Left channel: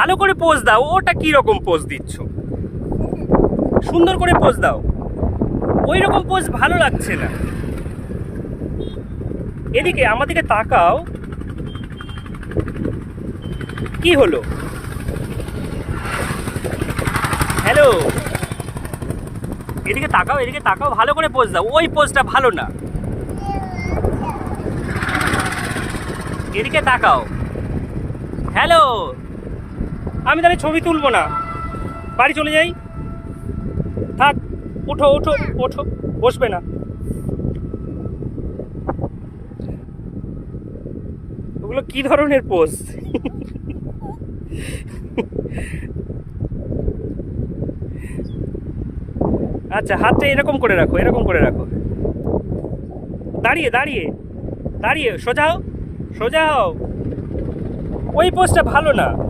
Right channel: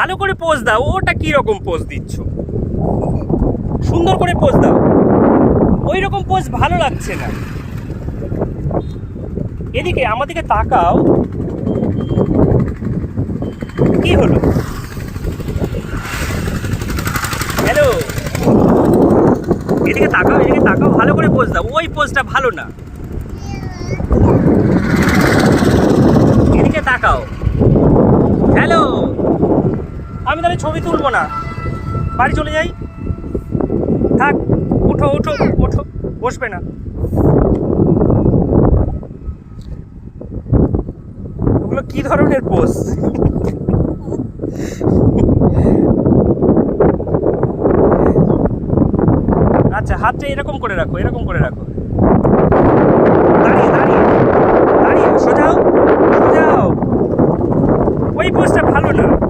ভালো করে পোজ দাও। ওটা কি রকম পোজ দিচ্ছ? সুন্দর করে পোজ দাও। ওই রকম পোজ ভালো লাগছে না। এদিকে আমাদেরকে তাকাও। কি হলো? হ্যালো, এদিকে তাকাও, এদিকে তাকাও, ভালো করে পোজ দাও। ওই পোজটা ভালো না। এদিকে তাকাও। হ্যালো, আমি তাহলে ছবি তুলবো না, বাড়ি চলে যাই। থাক, ওঠো ওঠো ওঠো, বসবে না। ওগুলো কি ধরনের পোজ? আচ্ছা, হাতটা এরকম করে রাখো, এরকম করে রাখো। দাঁড়িয়ে দাঁড়িয়ে দাঁড়িয়ে সোজাও সোজাও। ওই পোজটা ভালো না।